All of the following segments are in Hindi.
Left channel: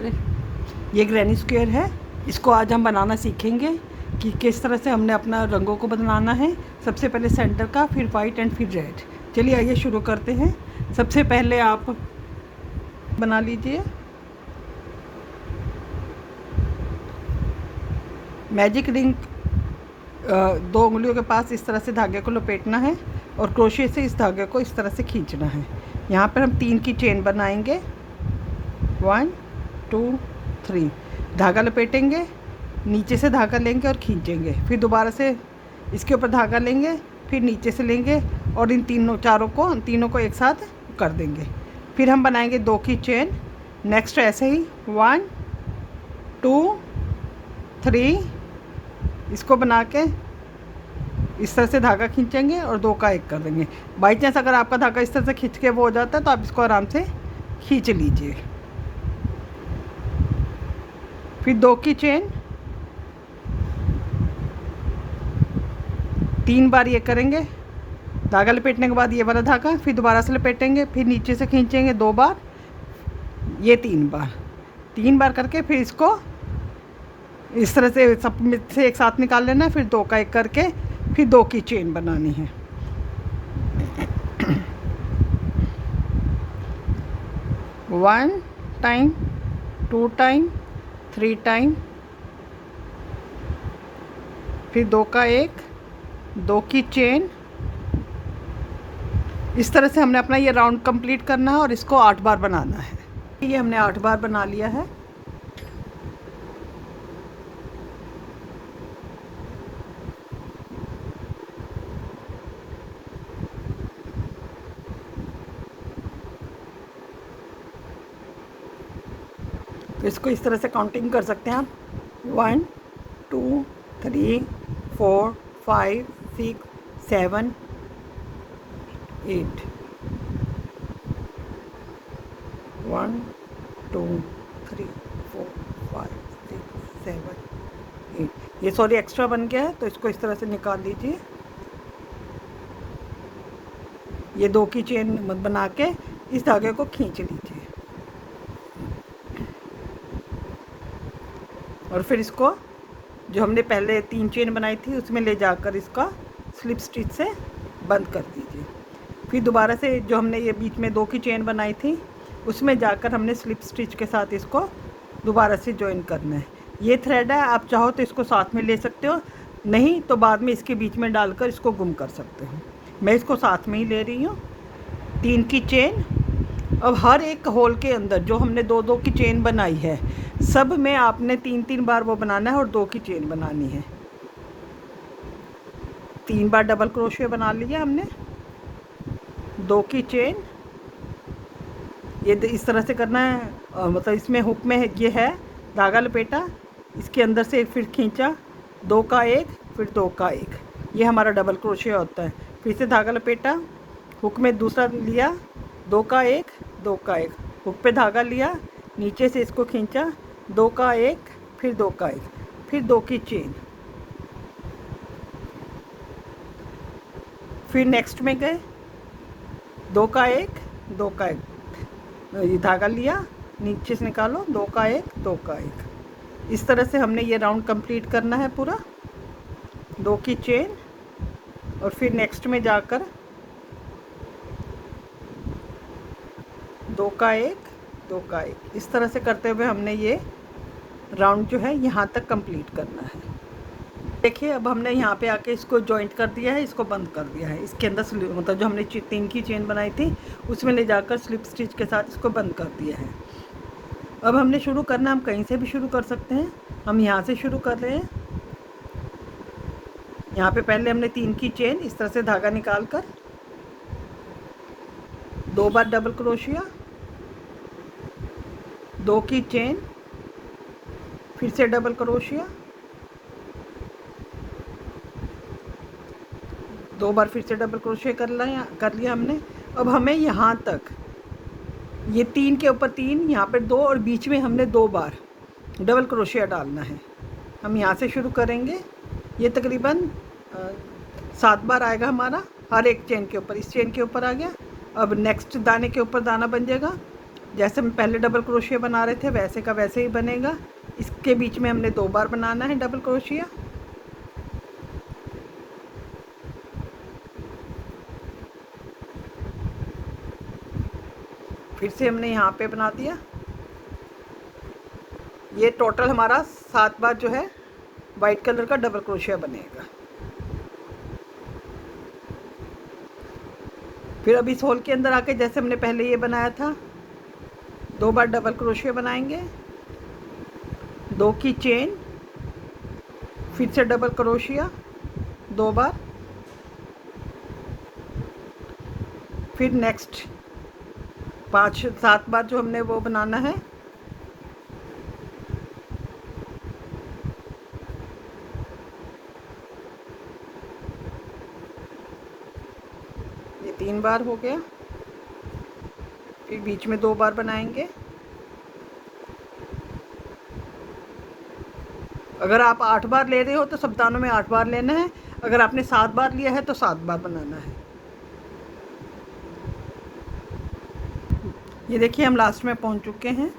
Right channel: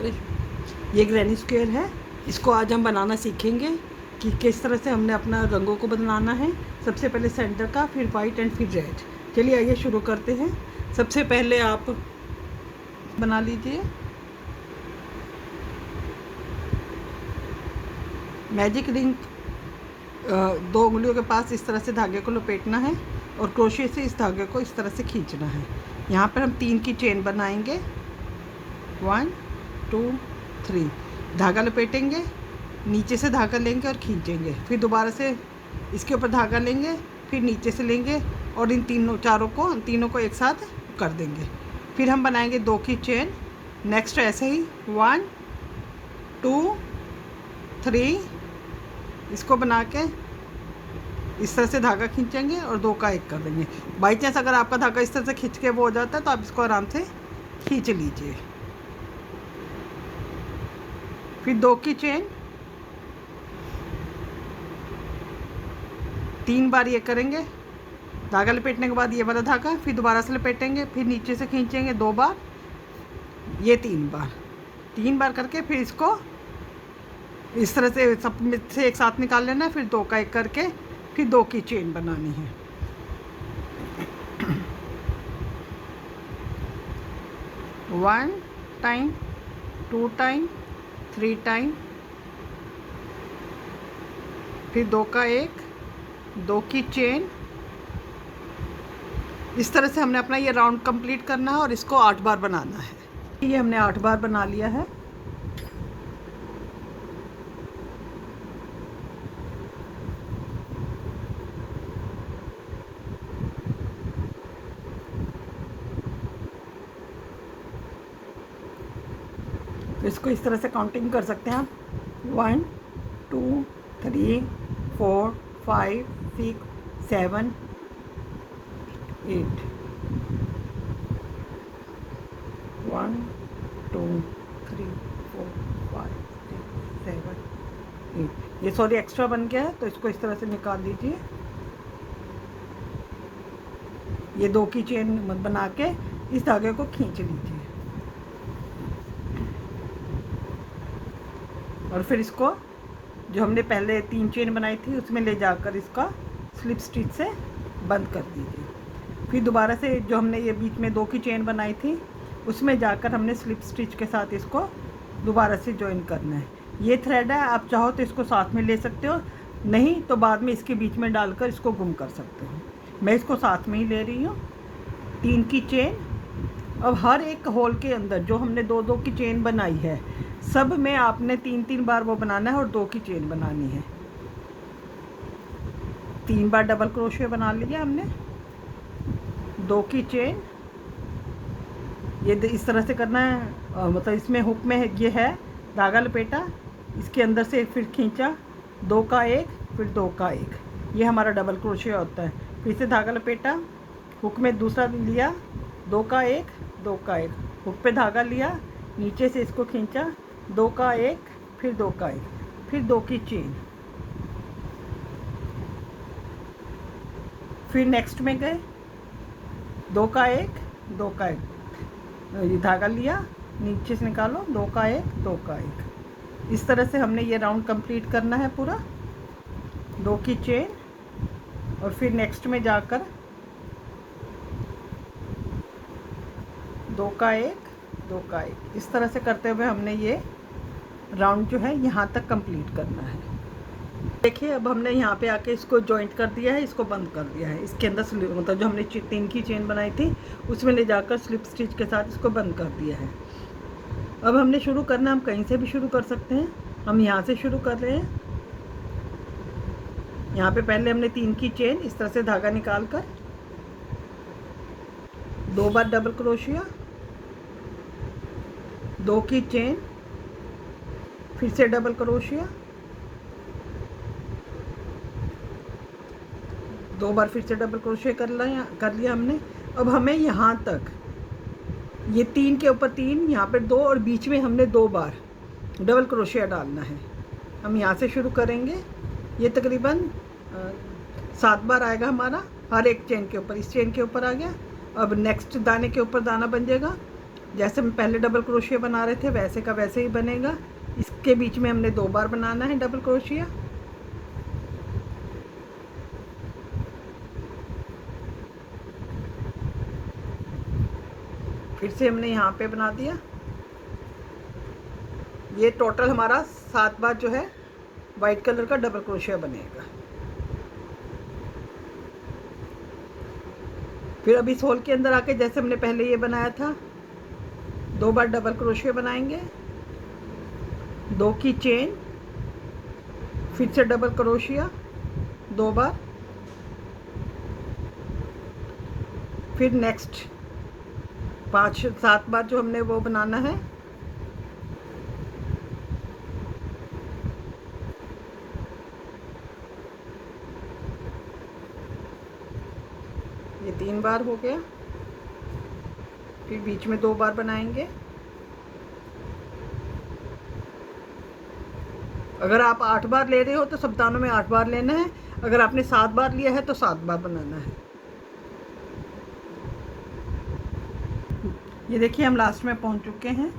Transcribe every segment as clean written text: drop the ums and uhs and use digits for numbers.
ये ग्रैनी स्क्वायर है। इसको आज हम बनाना सीखेंगे कि किस तरह से हमने अपना रंगों को बनाना है। सबसे पहले सेंटर का, फिर वाइट एंड फिर रेड। चलिए आइए शुरू करते हैं। सबसे पहले आप बना लीजिए मैजिक रिंग। 2 उंगलियों के पास इस तरह से धागे को लपेटना है और क्रोशे से इस धागे को इस तरह से खींचना है। यहाँ पर हम 3 की चेन बनाएंगे। 1 2 3। धागा लपेटेंगे, नीचे से धागा लेंगे और खींचेंगे, फिर दोबारा से इसके ऊपर धागा लेंगे, फिर नीचे से लेंगे और इन तीनों को एक साथ कर देंगे। फिर हम बनाएंगे 2 की चेन। नेक्स्ट ऐसे ही 1 2 3 इसको बना के इस तरह से धागा खींचेंगे और 2 का 1 कर देंगे। बाई चांस अगर आपका धागा इस तरह से खींच के वो हो जाता है तो आप इसको आराम से खींच लीजिए। फिर 2 की चेन, 3 बार ये करेंगे। धागा लपेटने के बाद ये वाला धागा, फिर दोबारा से लपेटेंगे, फिर नीचे से खींचेंगे 2 बार, ये 3 बार करके फिर इसको इस तरह से सब से एक साथ निकाल लेना है। फिर 2 का 1 करके फिर 2 की चेन बनानी है। वन टाइम, 2 टाइम, 3 टाइम, फिर 2 का 1, 2 की चेन। इस तरह से हमने अपना ये राउंड कंप्लीट करना है और इसको 8 बार बनाना है। ये हमने 8 बार बना लिया है। इसको इस तरह से काउंटिंग कर सकते हैं आप। 1 2 3 4 5 6 7 8। 1 2 3 4 5 6 7 8। ये सॉरी एक्स्ट्रा बन गया है तो इसको इस तरह से निकाल लीजिए। ये 2 की चेन बना के इस धागे को खींच लीजिए और फिर इसको जो हमने पहले 3 चेन बनाई थी उसमें ले जाकर इसका स्लिप स्टिच से बंद कर दीजिए। फिर दोबारा से जो हमने ये बीच में 2 की चेन बनाई थी उसमें जाकर हमने स्लिप स्टिच के साथ इसको दोबारा से जॉइन करना है। ये थ्रेड है, आप चाहो तो इसको साथ में ले सकते हो, नहीं तो बाद में इसके बीच में डालकर इसको गुम कर सकते हो। मैं इसको साथ में ही ले रही हूँ। 3 की चेन। अब हर एक होल के अंदर जो हमने 2 की चेन बनाई है सब में आपने 3 बार वो बनाना है और 2 की चेन बनानी है। 3 बार डबल क्रोशे बना लिया हमने। 2 की चेन, ये इस तरह से करना है। मतलब इसमें हुक में ये है धागा लपेटा, इसके अंदर से फिर खींचा, 2 का 1, फिर 2 का 1, ये हमारा डबल क्रोशे होता है। फिर से धागा लपेटा, हुक में दूसरा लिया, 2 का 1, 2 का 1, हुक पे धागा लिया, नीचे से इसको खींचा, 2 का 1, फिर 2 का 1, फिर 2 की चेन। फिर नेक्स्ट में गए, 2 का 1, 2 का 1, ये धागा लिया, नीचे से निकालो, 2 का 1, 2 का 1। इस तरह से हमने ये राउंड कंप्लीट करना है पूरा। 2 की चेन और फिर नेक्स्ट में जाकर 2 का 1, 2 का 1, इस तरह से करते हुए हमने ये राउंड जो है यहाँ तक कंप्लीट करना है। देखिए अब हमने यहाँ पे आके इसको जॉइंट कर दिया है, इसको बंद कर दिया है। इसके अंदर मतलब जो हमने 3 की चेन बनाई थी उसमें ले जाकर स्लिप स्टिच के साथ इसको बंद कर दिया है। अब हमने शुरू करना, हम कहीं से भी शुरू कर सकते हैं। हम यहाँ से शुरू कर रहे हैं। यहाँ पे पहले हमने 3 की चेन इस तरह से धागा निकाल कर 2 बार डबल क्रोशिया, 2 की चेन, फिर से डबल क्रोशिया, 2 बार फिर से डबल क्रोशिया कर लिया हमने। अब हमें यहाँ तक ये 3 के ऊपर 3, यहाँ पे 2 और बीच में हमने 2 बार डबल क्रोशिया डालना है। हम यहाँ से शुरू करेंगे। ये तकरीबन 7 बार आएगा हमारा हर एक चेन के ऊपर। इस चेन के ऊपर आ गया। अब नेक्स्ट दाने के ऊपर दाना बन जाएगा जैसे हम पहले डबल क्रोशिया बना रहे थे वैसे का वैसे ही बनेगा। इसके बीच में हमने 2 बार बनाना है डबल क्रोशिया। फिर से हमने यहाँ पे बना दिया। ये टोटल हमारा 7 बार जो है वाइट कलर का डबल क्रोशिया बनेगा। फिर अब इस होल के अंदर आके जैसे हमने पहले ये बनाया था 2 बार डबल क्रोशिया बनाएंगे, 2 की चेन, फिर से डबल क्रोशिया 2 बार, फिर नेक्स्ट 5-7 बार जो हमने वो बनाना है। ये 3 बार हो गया। फिर बीच में 2 बार बनाएंगे। अगर आप 8 बार ले रहे हो तो सब दानों में 8 बार लेना है। अगर आपने 7 बार लिया है तो 7 बार बनाना है। ये देखिए हम लास्ट में पहुंच चुके हैं।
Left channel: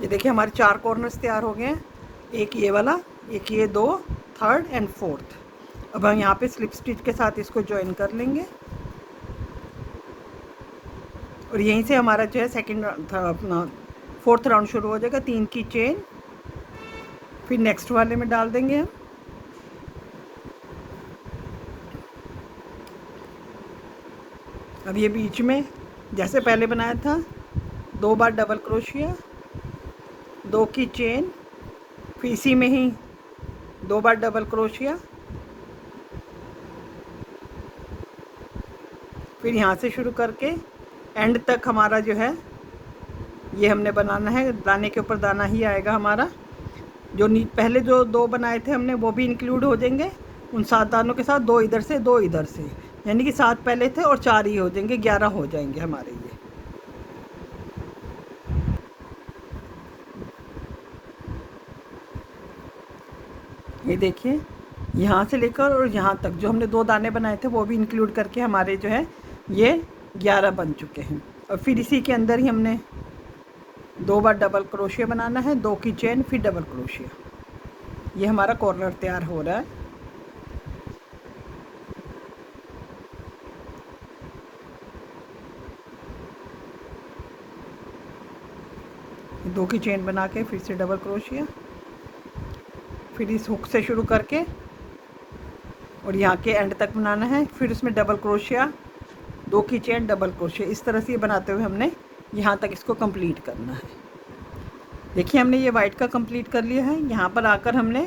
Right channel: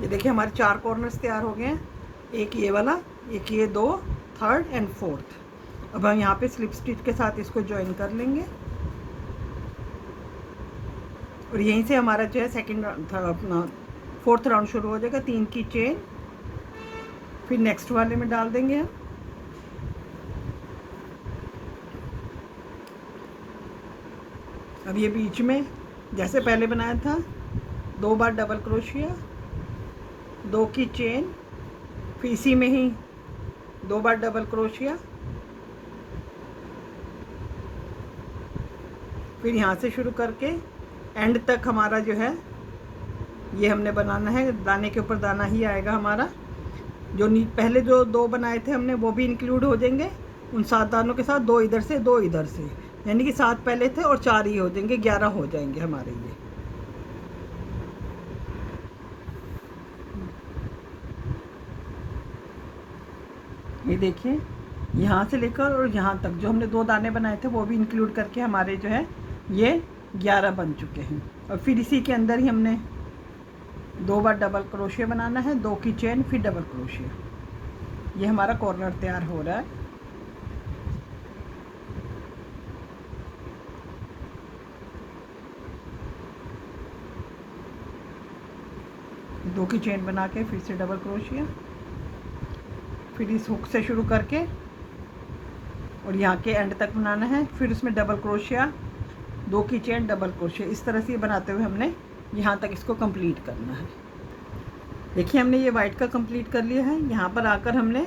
ये देखिए हमारे 4 कॉर्नर्स तैयार हो गए हैं। एक ये वाला, एक ये 2, थर्ड एंड फोर्थ। अब हम यहाँ पे स्लिप स्टिच के साथ इसको ज्वाइन कर लेंगे और यहीं से हमारा जो है सेकंड अपना 4th राउंड शुरू हो जाएगा। 3 की चेन, फिर नेक्स्ट वाले में डाल देंगे हम। अब ये बीच में जैसे पहले बनाया था 2 बार डबल क्रोशिया, 2 की चेन, फिर इसी में ही 2 बार डबल क्रोशिया, फिर यहाँ से शुरू करके एंड तक हमारा जो है ये हमने बनाना है। दाने के ऊपर दाना ही आएगा हमारा। जो पहले जो 2 बनाए थे हमने वो भी इंक्लूड हो जाएंगे उन 7 दानों के साथ। 2 इधर से 2 इधर से, यानी कि 7 पहले थे और 4 ही हो जाएंगे, 11 हो जाएंगे हमारे ये देखिए यहाँ से लेकर और यहाँ तक जो हमने 2 दाने बनाए थे वो भी इंक्लूड करके हमारे जो है ये 11 बन चुके हैं। और फिर इसी के अंदर ही हमने 2 बार डबल क्रोशिया बनाना है, 2 की चेन, फिर डबल क्रोशिया। ये हमारा कॉर्नर तैयार हो रहा है। दो की चेन बना के फिर से डबल क्रोशिया, फिर इस हुक से शुरू करके और यहाँ के एंड तक बनाना है। फिर उसमें डबल क्रोशिया, 2 की चेन, डबल क्रोशिया, इस तरह से ये बनाते हुए हमने यहाँ तक इसको कंप्लीट करना है। देखिए हमने ये वाइट का कंप्लीट कर लिया है। यहाँ पर आकर हमने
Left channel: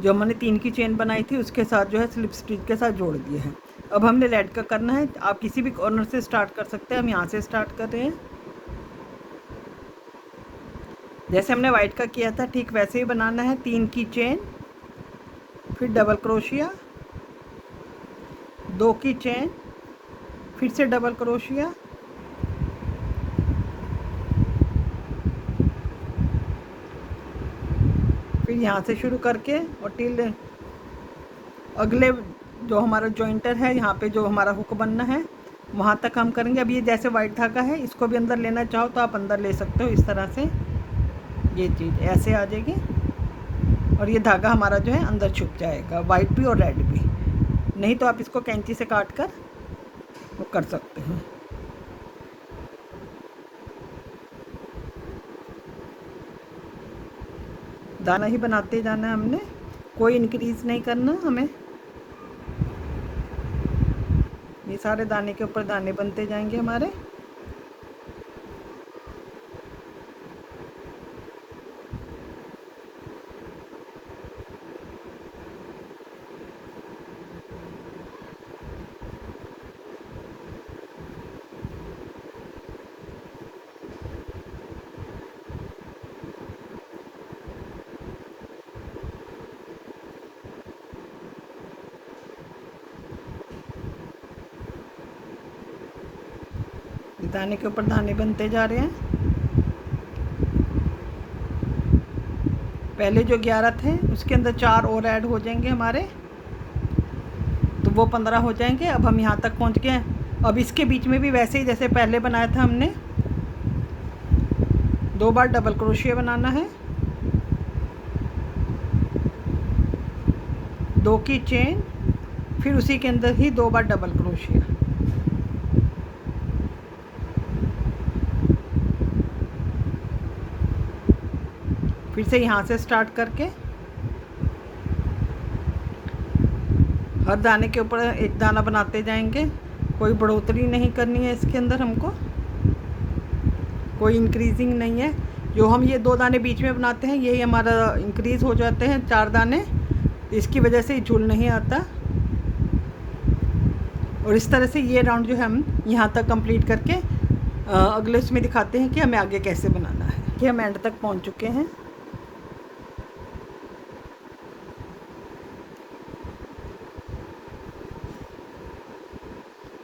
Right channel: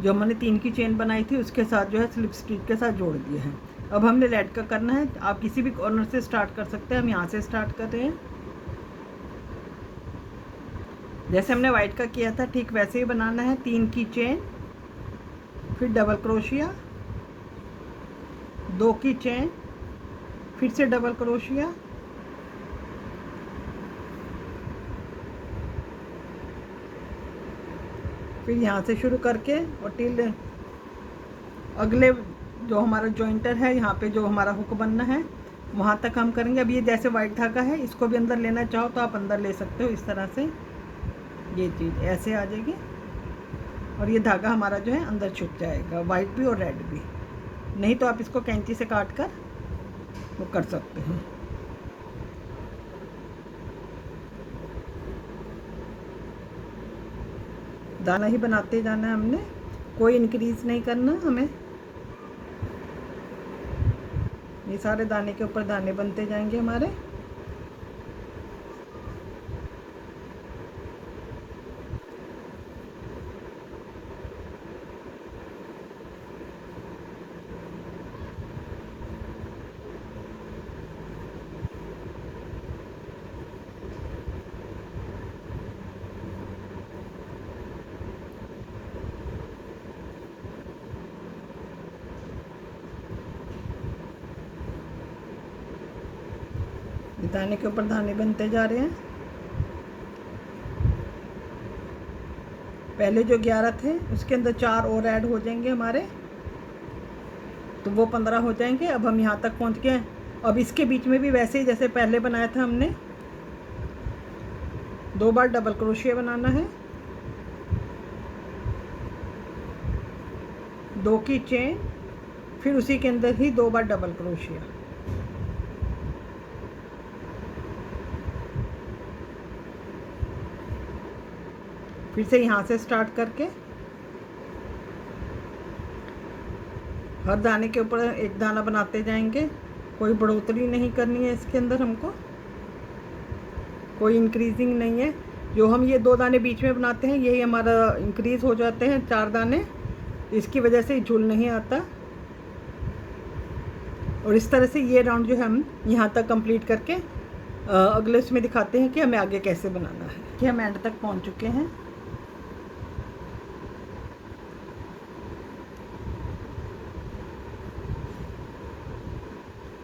जो हमने 3 की चेन बनाई थी उसके साथ जो है स्लिप स्टिच के साथ जोड़ दिया है। अब हमने रेड का करना है। आप किसी भी कॉर्नर से स्टार्ट कर सकते हैं। हम यहाँ से स्टार्ट कर रहे हैं। जैसे हमने वाइट का किया था ठीक वैसे ही बनाना है। 3 की चेन, फिर डबल क्रोशिया, 2 की चेन, फिर से डबल क्रोशिया, फिर यहाँ से शुरू करके और टिल अगले जो हमारा जॉइंटर है यहाँ पे जो हमारा हुक बनना है वहाँ तक हम करेंगे। अब ये जैसे वाइट धागा है इसको भी अंदर लेना चाहो तो आप अंदर ले सकते हो। इस तरह से ये चीज़ ऐसे आ जाएगी और ये धागा हमारा जो है अंदर छुप जाएगा, वाइट भी और रेड भी। नहीं तो आप इसको कैंची से काट कर वो कर सकते हैं। दाना ही बनाते जाना है हमने, कोई इंक्रीज नहीं करना हमें। ये सारे दाने के ऊपर दाने बनते जाएंगे हमारे। दाने के ऊपर दाने बनते जा रहे हैं। पहले जो 11 थे उसके अंदर 4 और ऐड हो जाएंगे हमारे, तो वो 15 हो जाएंगे। अब हम यहाँ तक पहुँच गए हैं। अब इसके बीच में भी वैसे ही जैसे पहले बनाया था हमने, 2 बार डबल क्रोशिया बनाना है, 2 की चेन, फिर उसी के अंदर ही 2 बार डबल क्रोशिया। फिर से यहाँ से स्टार्ट करके हर दाने के ऊपर एक दाना बनाते जाएंगे। कोई बढ़ोतरी नहीं करनी है इसके अंदर हमको, कोई इंक्रीजिंग नहीं है। जो हम ये 2 दाने बीच में बनाते हैं यही हमारा इंक्रीज़ हो जाते हैं 4 दाने, इसकी वजह से झूल नहीं आता। और इस तरह से ये राउंड जो है हम यहाँ तक कंप्लीट करके अगले इसमें दिखाते हैं कि हमें आगे कैसे बनाना है। कि हम एंड तक पहुँच चुके हैं।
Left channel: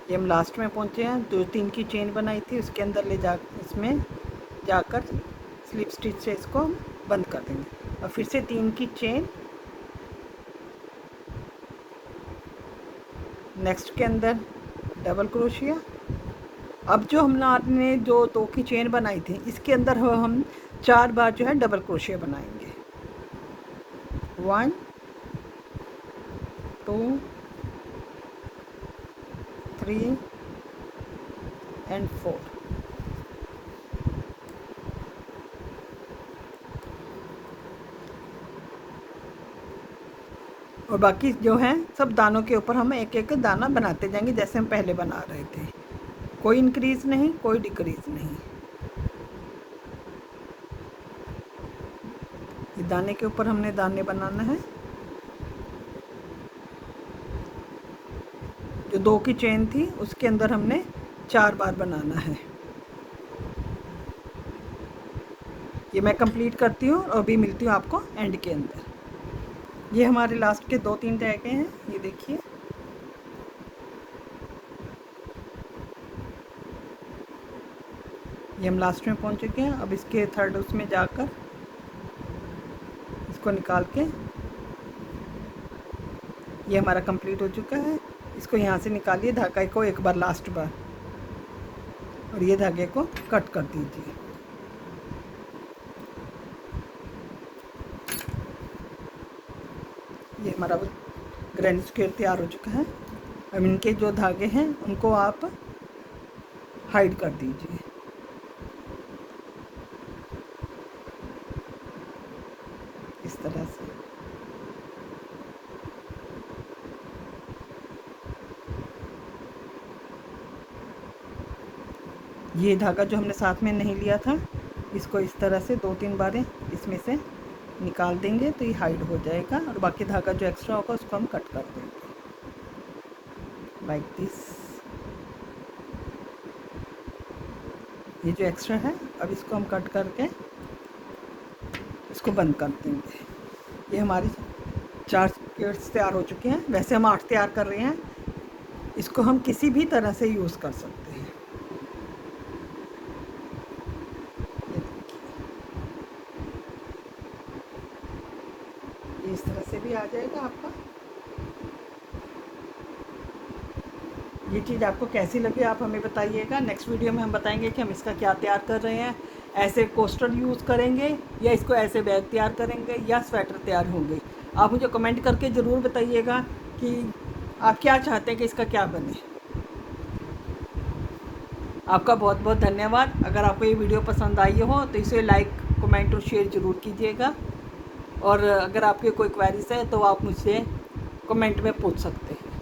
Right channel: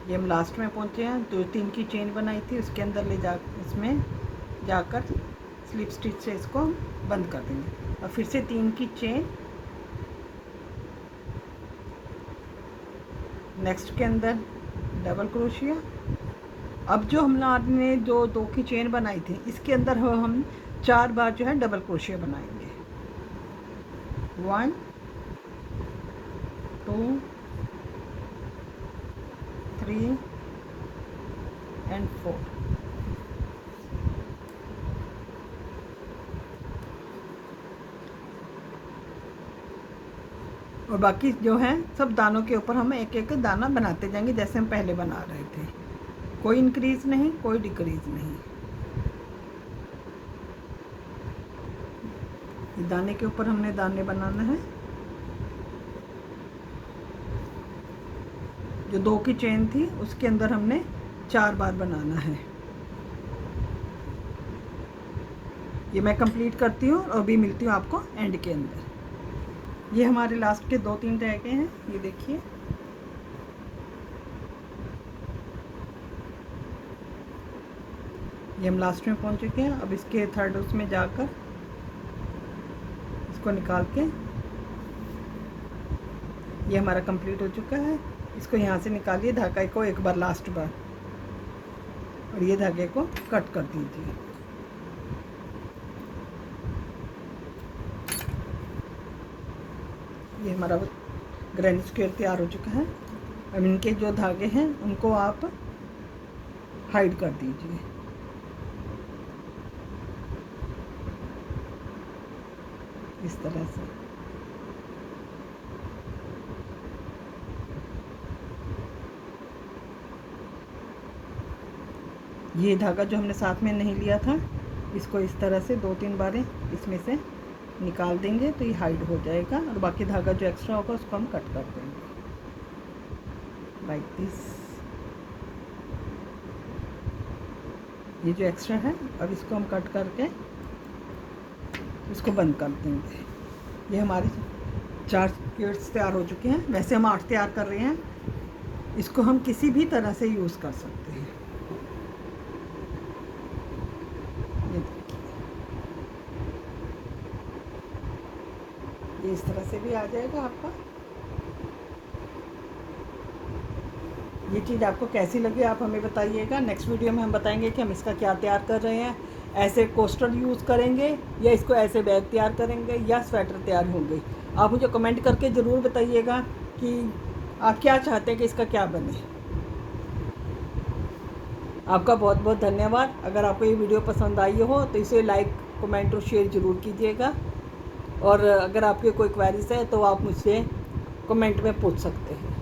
ये हम लास्ट में पहुँचे हैं। जो 3 की चेन बनाई थी उसके अंदर ले जा, इसमें जाकर स्लिप स्टिच से इसको बंद कर देंगे। और फिर से 3 की चेन, नेक्स्ट के अंदर डबल क्रोशिया। अब जो हमने जो 2 की चेन बनाई थी इसके अंदर हम 4 बार जो है डबल क्रोशिया बनाएंगे। 1 2 3 एंड 4। और बाकी जो है सब दानों के ऊपर हम एक एक दाना बनाते जाएंगे जैसे हम पहले बना रहे थे। कोई इंक्रीज नहीं, कोई डिक्रीज नहीं। ये दाने के ऊपर हमने दाने बनाना है। जो 2 की चेन थी उसके अंदर हमने 4 बार बनाना है। ये मैं कंप्लीट करती हूँ और अभी मिलती हूँ आपको एंड के अंदर। ये हमारे लास्ट के 2-3 रह गए हैं, ये देखिए। ये हम लास्ट में पहुंच चुके हैं। अब इसके थर्ड उसमें जाकर इसको निकाल के, ये हमारा कंप्लीट हो चुका है। इसको यहाँ से निकालिए धागे को एक बार, लास्ट बार, और ये धागे को कट कर दीजिए। ये हमारा ग्रैंड स्क्वायर तैयार हो चुका है। अब इनके जो धागे हैं उनको आप हाइड कर दीजिए। इस तरह से ये धागा जो हमने साथ में नहीं लिया था इसको इस तरह से 2-3 बार इसमें से निकाल देंगे तो ये हाइड हो जाएगा। और बाकी धागा जो एक्स्ट्रा होगा उसको हम कट कर देंगे लाइक दिस। ये जो एक्स्ट्रा है अब इसको हम कट करके इसको बंद कर देंगे। ये हमारे 4 स्क्वेयर्स तैयार हो चुके हैं। वैसे हम 8 तैयार कर रहे हैं। इसको हम किसी भी तरह से यूज़ कर सकते हैं। ये इस तरह से भी आ जाएगा आपका। ये चीज़ आपको कैसी लगी आप हमें बताइएगा। नेक्स्ट वीडियो में हम बताएंगे कि हम इसका क्या तैयार कर रहे हैं। ऐसे कोस्टर यूज़ करेंगे या इसको ऐसे बैग तैयार करेंगे या स्वेटर तैयार होंगे। आप मुझे कमेंट करके ज़रूर बताइएगा कि आप क्या चाहते हैं कि इसका क्या बने। आपका बहुत बहुत धन्यवाद। अगर आपको ये वीडियो पसंद आई हो तो इसे लाइक, कमेंट और शेयर ज़रूर कीजिएगा। और अगर आपके कोई क्वेरीज है तो आप मुझसे कमेंट में पूछ सकते हैं।